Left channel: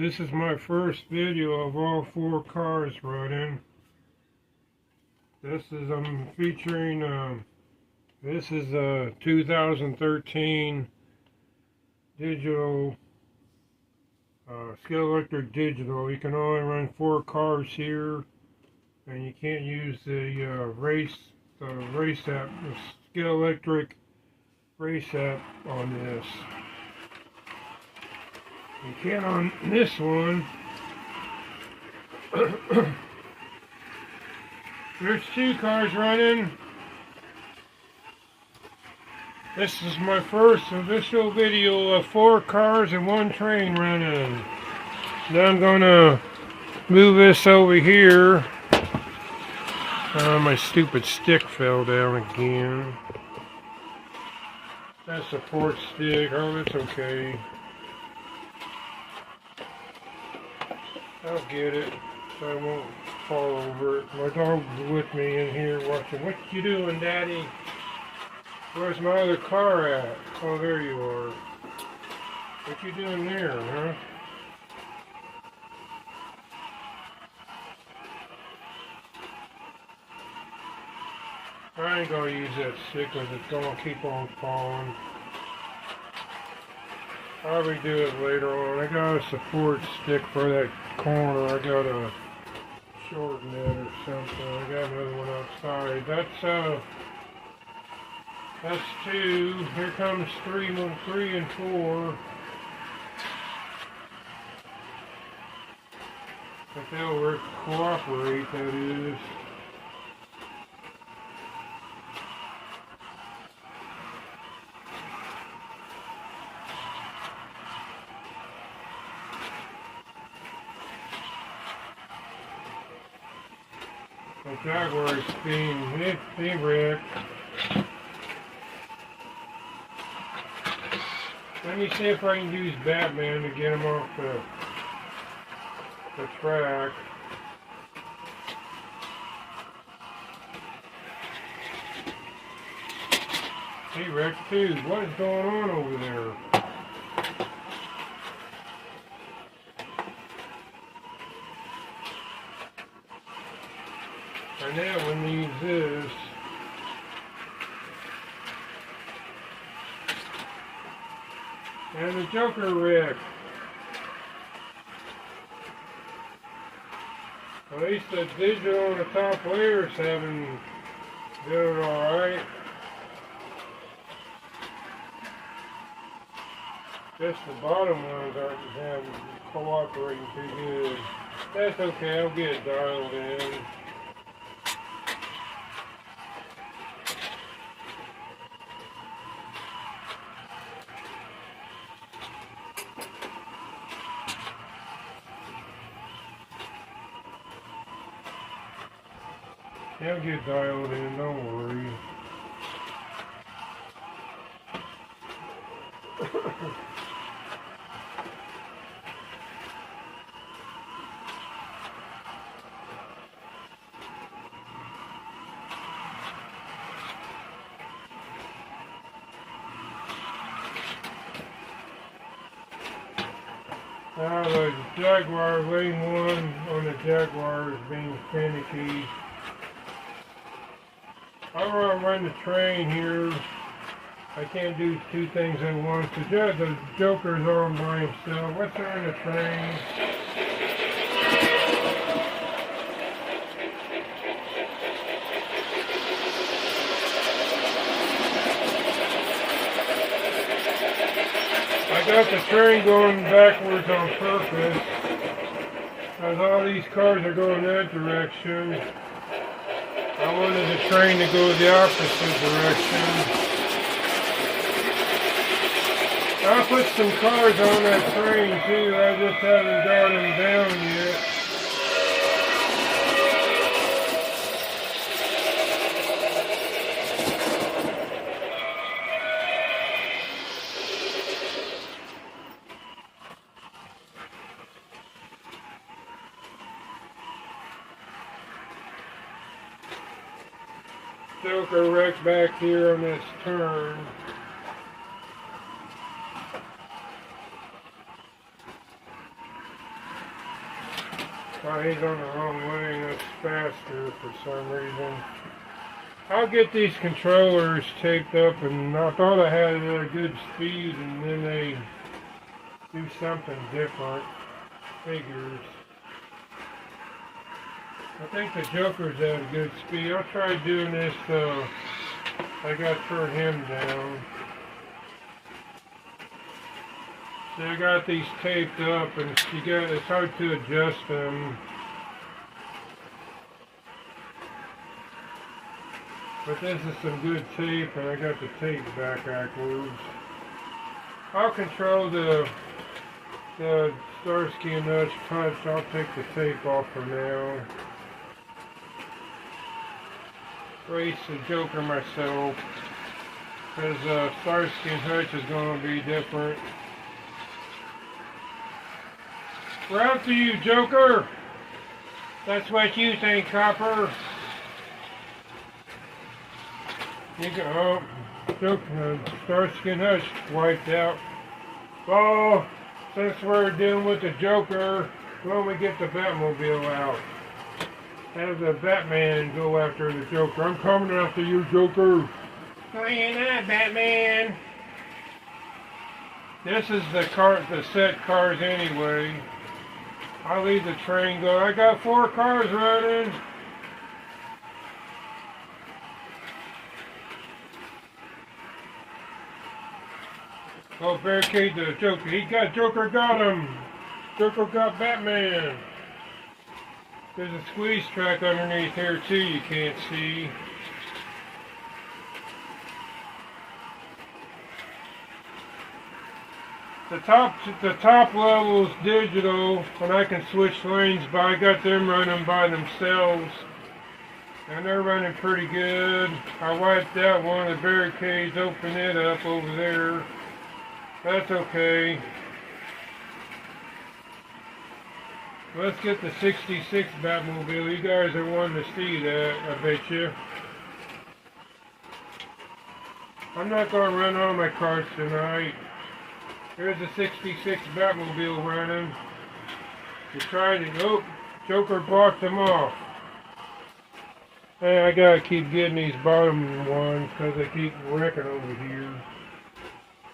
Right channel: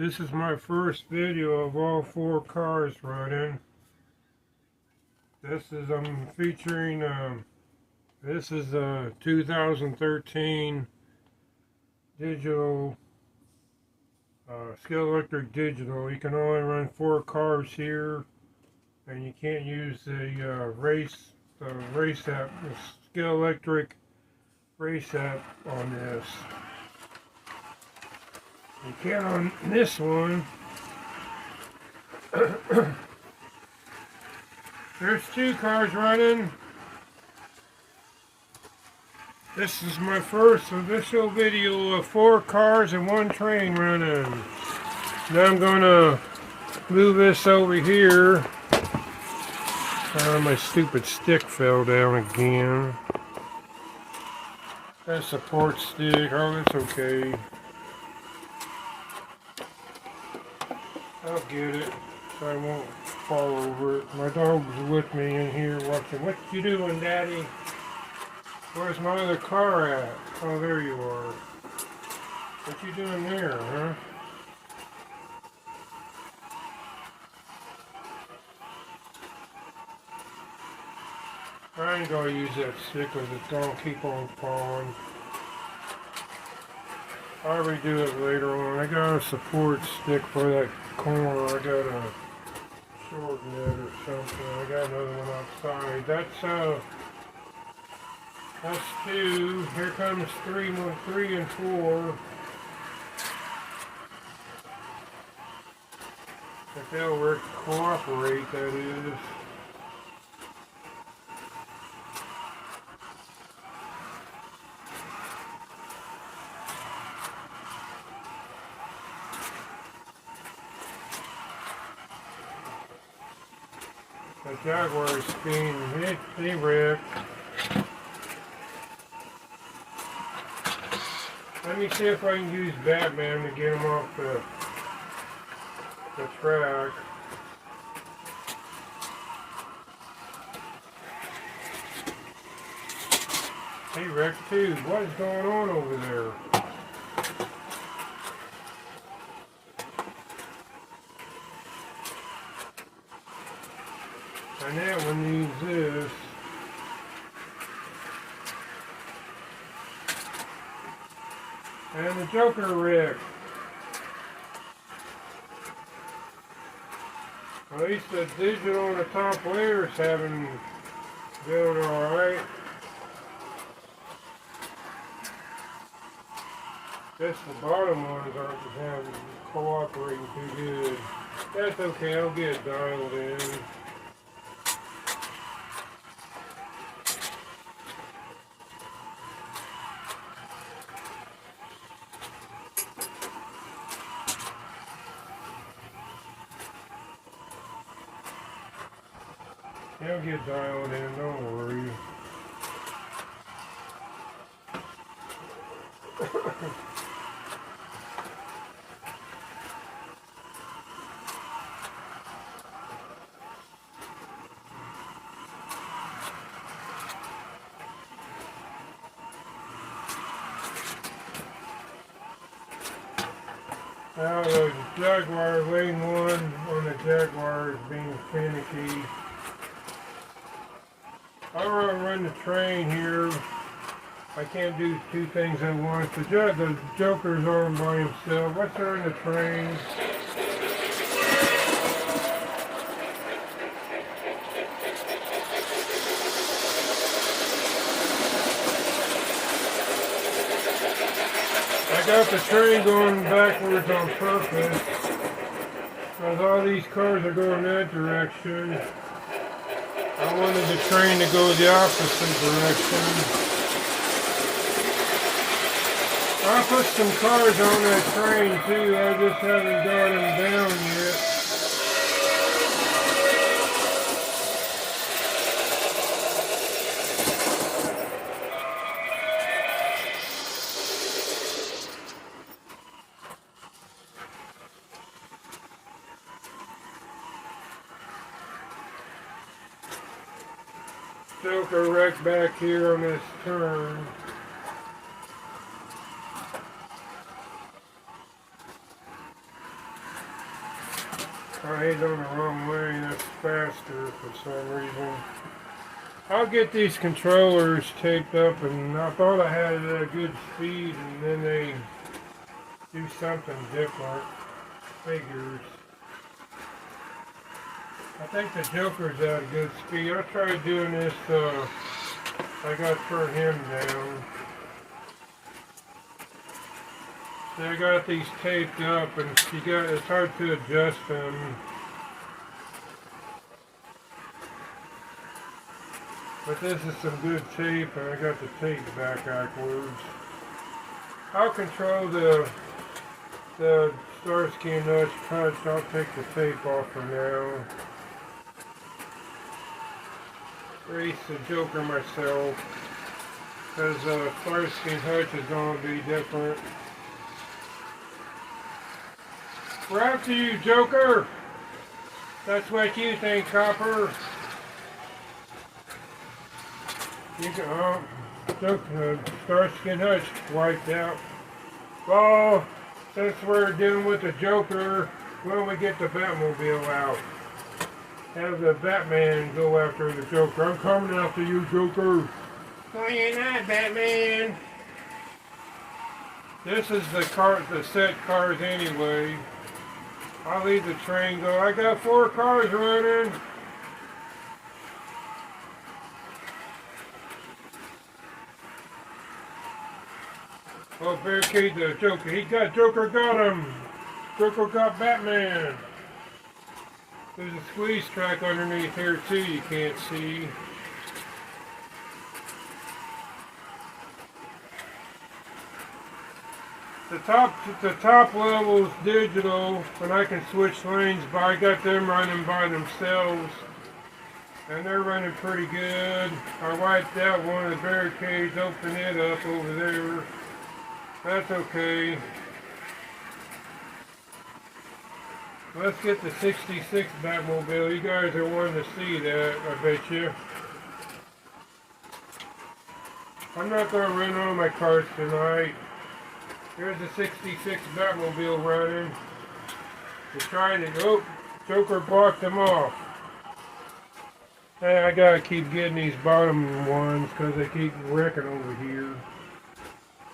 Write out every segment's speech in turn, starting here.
This is my first video of all 4 cars running. I'm featuring, this is a 2013 digital, Scale Electric Digital. You can only run 4 cars here, and you can't use the race app, the Scale Electric race app on this. You can on this one. There's 2 cars running. This is my first official video of 4 cars and 1 train running. Now I'm gonna move this over here. My stupid stick fell down again. That support stick, oh, it's okay. I'll get it so I won't fall over it. My dog's with me in here watching. What you doing, Daddy? Where's my other car at? Oh, there you are. What you doing there, huh? I ain't gonna use that stick because it's gonna keep on falling. I'll redo it later on. I got a support stick for that corner. I got a shorten it or something. I got another one outside. That's 2. Here comes 3 and 4. If they'll cooperate, that is. The Jaguar's being he wrecked. Let me see if I can use Batman to get him off the track. He wrecked too. What is going on over there? And that one needs this. And the Joker wrecked. At least the digital and the top layers haven't done alright. Just the bottom ones aren't cooperating too good. That's okay, I'll get it dialed in. He'll get dialed in, don't worry. Now the Jaguar lane 1 on the Jaguar is being finicky. I want to run the train here. I can't do 2 things at once. The Joker's on by himself. Let's run the train. I got the train going backwards on purpose, because all these cars are going that direction. I wanted the train to go the opposite direction. I put some cars on that train too, I just haven't got them down yet. Joker wrecked back here on this turn. Oh, he's on the wrong lane. That's faster for some reason. I'll get these controllers taped up, and I thought I had it at a good speed, and then they do something different. Figures. I think the Joker's at a good speed. I'll try doing this. I got to turn him down. See, I got these taped up, and it's hard to adjust them. But this is some good tape, and I got the tape backwards. I'll control the Starsky and Hutch touch. I'll take the tape off for now. Race the Joker myself, because Starsky and Hutch is going to be different. We're out to you, Joker. That's what you think, Copper. You can, Joker, Starsky and Hutch wiped out. Well, since we're dealing with the Joker, why don't we get the Batmobile out? Have the Batman go after the Joker. I'm coming after you, Joker. No, you're not, Batman. This is the set cars anyway. I'll leave the train go. I got 4 cars running. Oh, barricade the Joker. Joker got him. Joker got Batman. There's a squeeze track underneath here too you can't see. The top level is digital, and I can switch lanes, but I got them running by themselves, and they're running pretty good. I wiped out one of the barricades, opened it up over there. That's okay. Let's get the 66 Batmobile. You guys are wanting to see that, I bet you. I'm not going to run all my cars tonight. There's a 66 Batmobile running. You tried it. Oh, Joker blocked them off. Hey, I got to keep getting these bottom ones because they keep wrecking over here.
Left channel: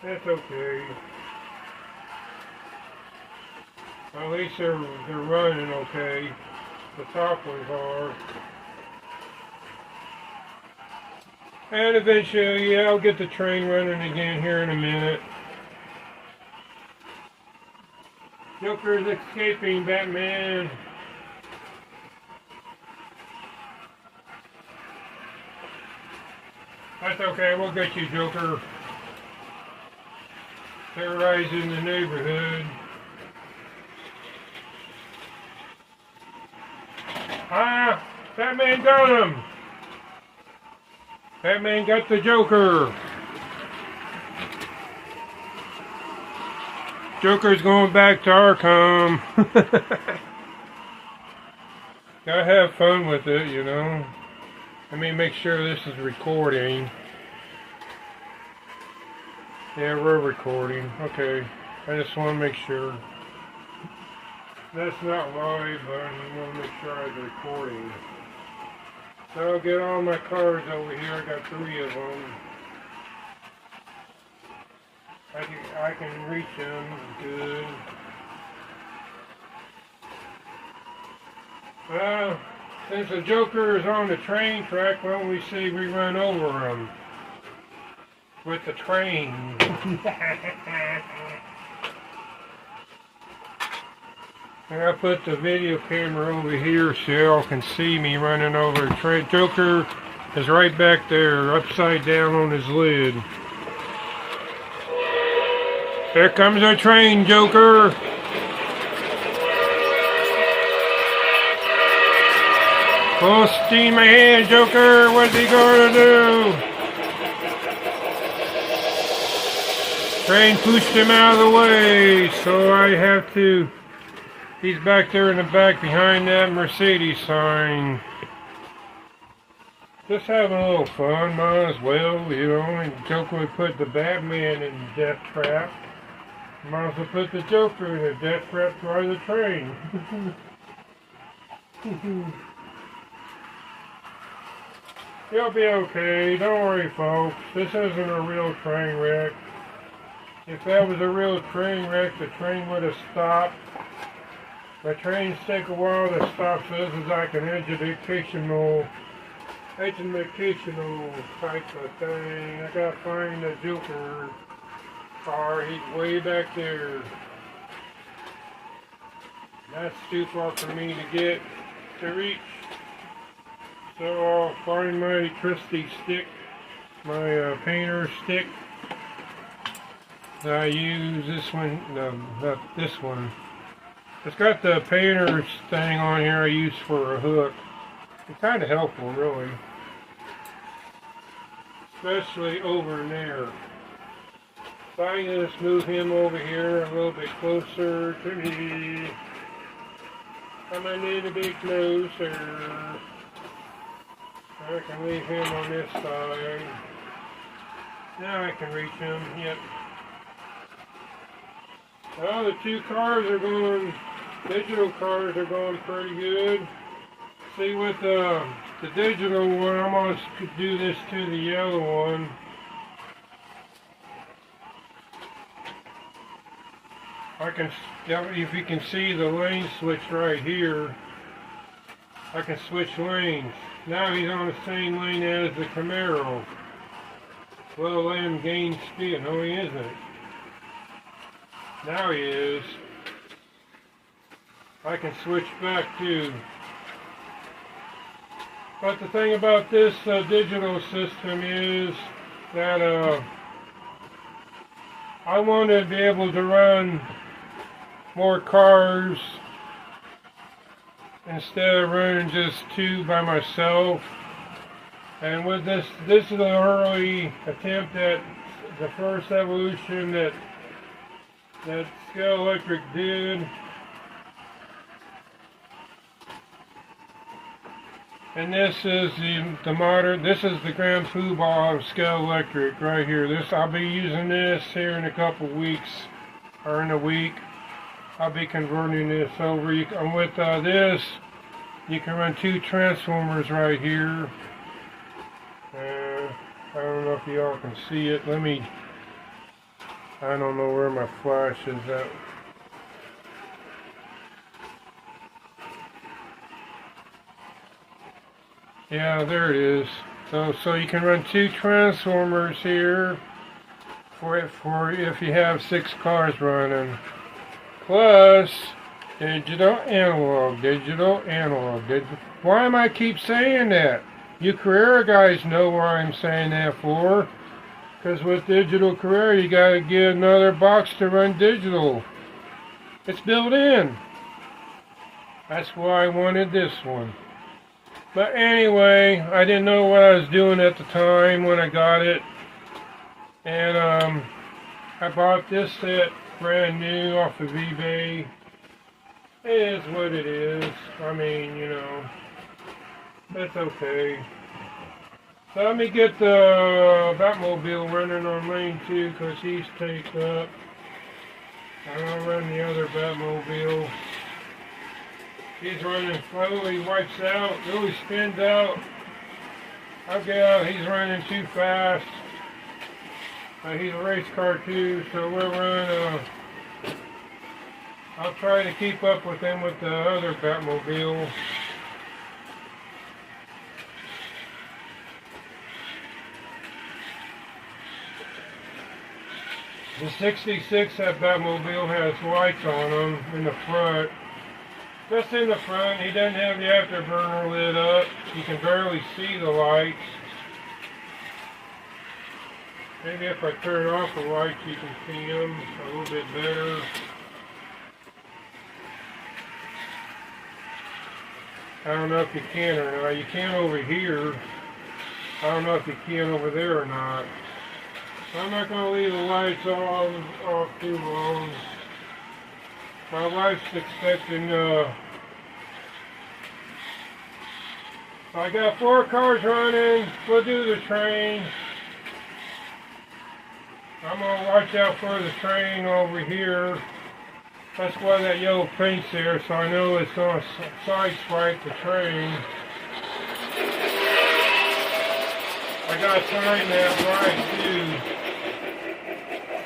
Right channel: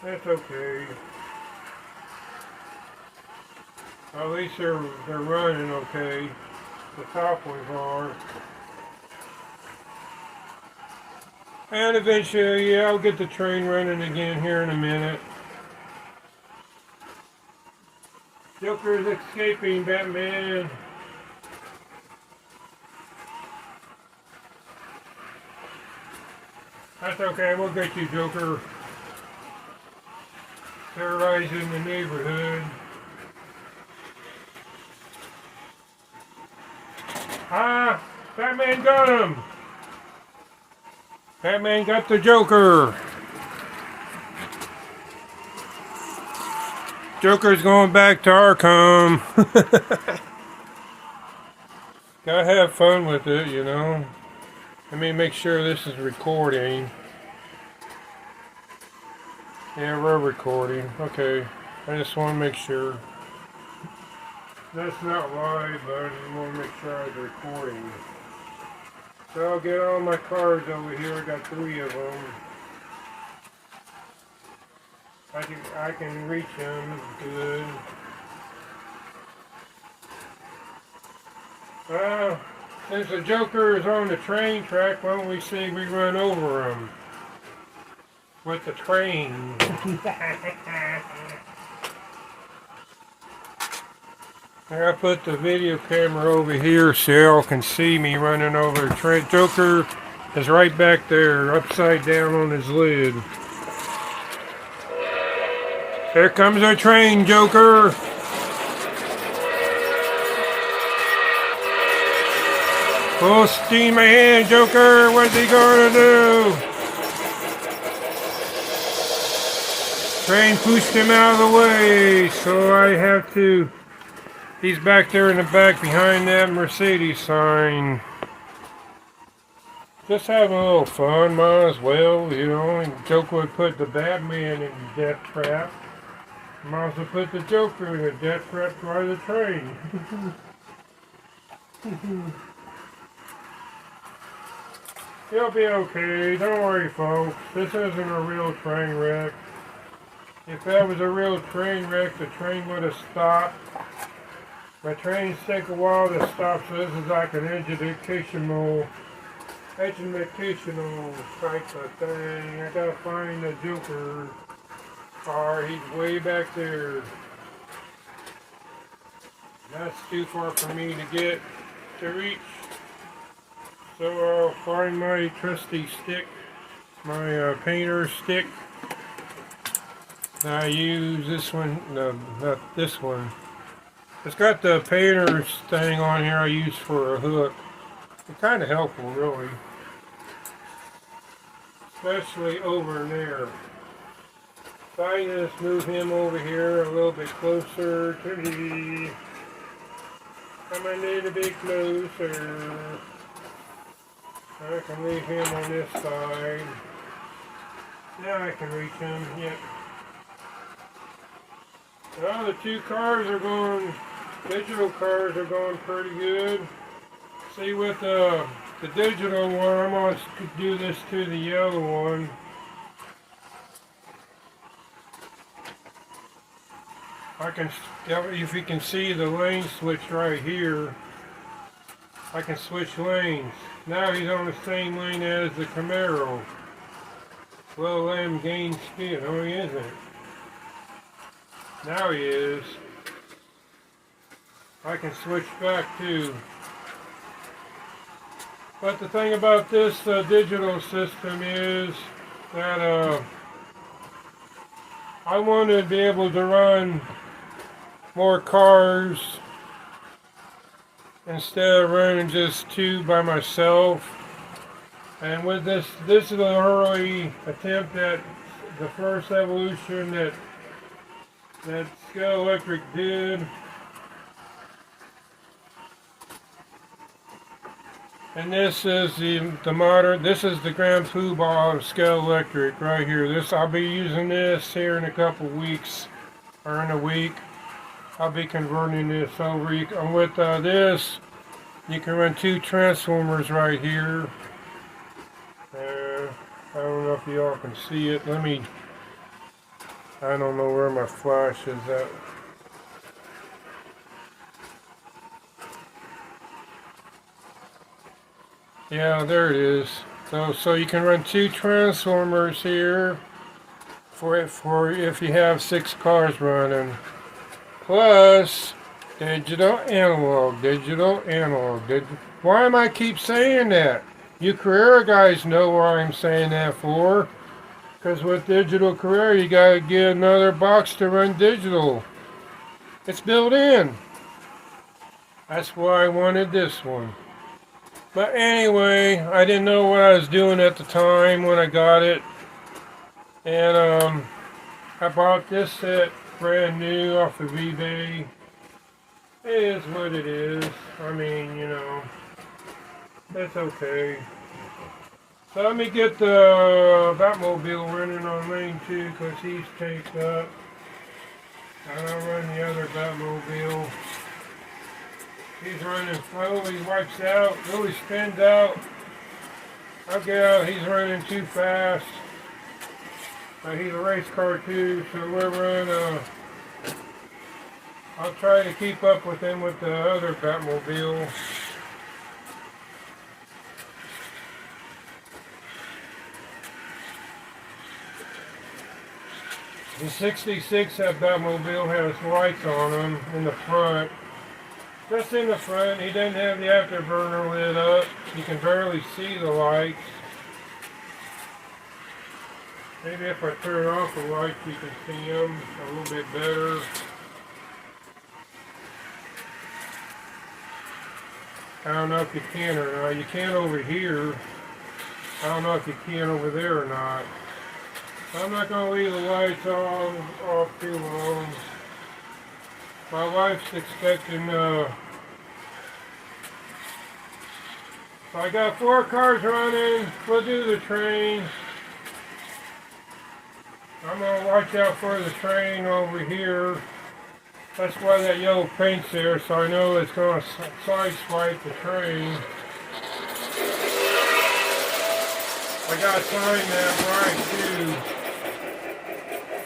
That's okay. At least they're running okay. The top ones are. And eventually, yeah, I'll get the train running again here in a minute. Joker's escaping, Batman. That's okay, we'll get you, Joker. Terrorizing the neighborhood. Ah! Batman got him! Batman got the Joker! Joker's going back to Arkham. Gotta have fun with it, you know. Let me make sure this is recording. Yeah, we're recording. Okay. I just want to make sure. That's not live, but I want to make sure I'm recording. So I'll get all my cars over here. I got 3 of them. I can reach them good. Well, since the Joker is on the train track, why don't we say we run over him with the train? I put the video camera over here so y'all can see me running over the train. Joker is right back there, upside down on his lid. Here comes our train, Joker. Full steam ahead, Joker. What's he gonna do? Train pushed him out of the way, so I have to. He's back there in the back behind that Mercedes sign. Just having a little fun, might as well, you know. And Joker would put the Batman in death trap. Might as well put the Joker in a death trap by the train. He'll be okay. Don't worry, folks. This isn't a real train wreck. If that was a real train wreck, the train would have stopped. My trains take a while to stop, so this is like an educational type of thing. I gotta find the Joker car. He's way back there. That's too far for me to reach. So I'll find my trusty stick, my painter stick. I use this one, no, not this one. It's got the painter's thing on here I use for a hook. It's kind of helpful, really. Especially over in there. So I just move him over here a little bit closer to me. Come a little bit closer. I can leave him on this side. Now I can reach him, yep. Well, the two cars are going, digital cars are going pretty good. See, with the digital one, I'm going to do this to the yellow one. I can, if you can see the lane switch right here, I can switch lanes. Now he's on the same lane as the Camaro. Well, let him gain speed. No, he isn't. Now he is. I can switch back too. But the thing about this digital system is that I want to be able to run more cars instead of running just two by myself. And with this is an early attempt at the first evolution that Scale Electric did. And this is the modern, this is the Grand Poobah of Scale Electric right here. I'll be using this here in a couple weeks, or in a week. I'll be converting this over. With this, you can run two transformers right here. I don't know if y'all can see it. I don't know where my flash is at. Yeah, there it is. So you can run two transformers here for if you have 6 cars running. Plus digital analog. Why am I keep saying that? You Carrera guys know why I'm saying that for. Because with digital Carrera, you gotta get another box to run digital. It's built in. That's why I wanted this one. But anyway, I didn't know what I was doing at the time when I got it. And I bought this set brand new off of eBay. It is what it is. I mean, you know, it's okay. So let me get the Batmobile running on lane 2 because he's taped up. And I'll run the other Batmobile. He's running slowly, wipes out, really spins out. I'll get out, he's running too fast. He's a race car too, so we'll run, I'll try to keep up with him with the other Batmobile. The 66, that Batmobile has lights on them in the front. Just in the front, he doesn't have the afterburner lit up. You can barely see the lights. Maybe if I turn off the lights, you can see them a little bit better. I don't know if you can or not. You can over here. I don't know if you can over there or not. I'm not going to leave the lights off too long. My wife's expecting, so I got 4 cars running. We'll do the train. I'm going to watch out for the train over here. That's why that yellow paint's there, so I know it's going to sideswipe the train. I got to time that right, too.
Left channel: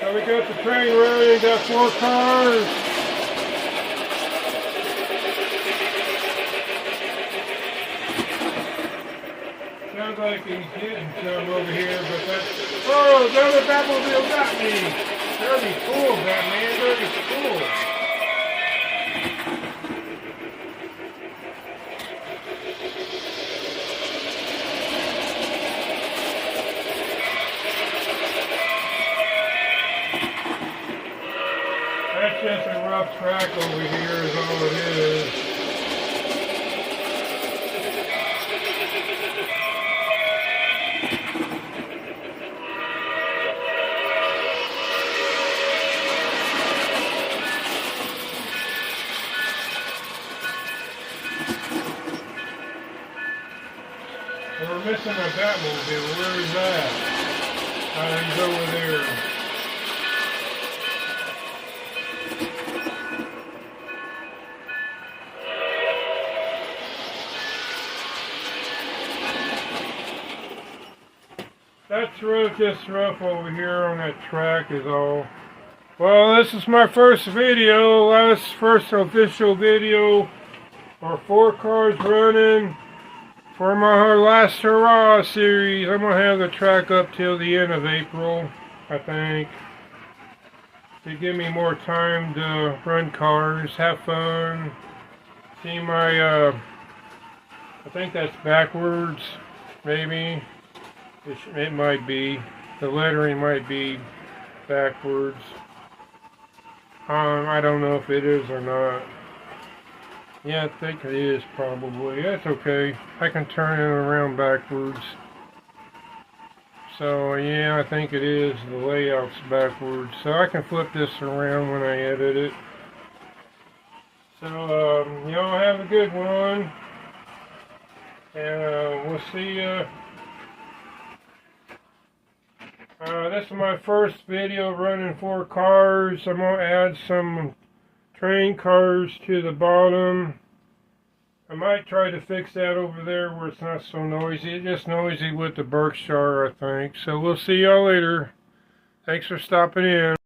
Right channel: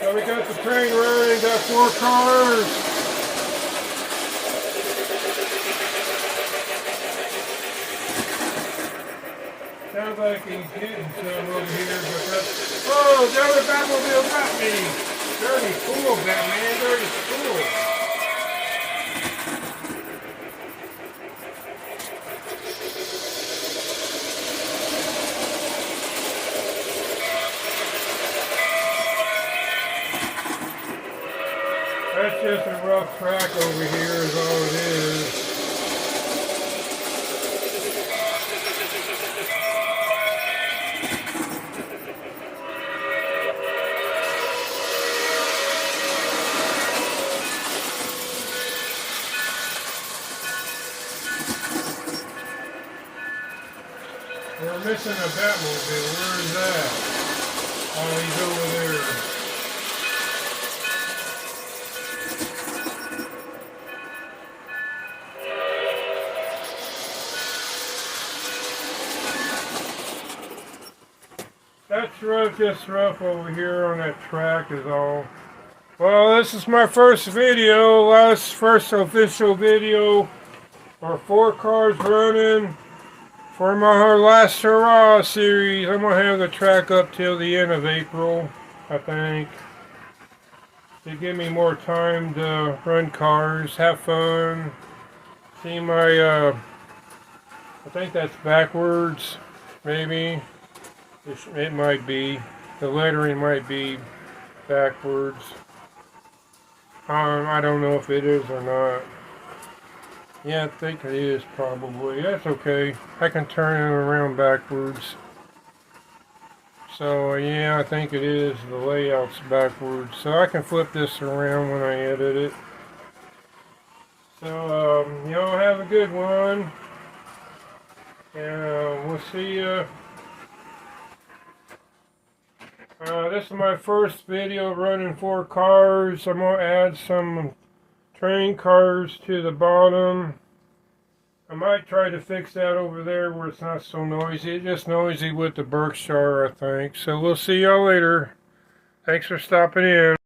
So we got the train running, got 4 cars. Sounds like he's getting some over here, but that's... Oh, the other Batmobile got me! Dirty fool, Batman, dirty fool. That's just a rough track over here is all it is. We're missing a Batmobile. Where is that? Oh, he's over there. That's rough, just rough over here on that track is all. Well, this is my first video, first official video for 4 cars running for my last Harrah series. I'm going to have the track up till the end of April, I think, to give me more time to run cars, have fun, see my, I think that's backwards, maybe. It might be. The lettering might be backwards. I don't know if it is or not. Yeah, I think it is probably. That's okay. I can turn it around backwards. So yeah, I think it is. The layout's backwards. So I can flip this around when I edit it. So y'all have a good one. And we'll see you. This is my first video running 4 cars. I'm going to add some train cars to the bottom. I might try to fix that over there where it's not so noisy. It's just noisy with the Berkshire, I think. So we'll see y'all later. Thanks for stopping in.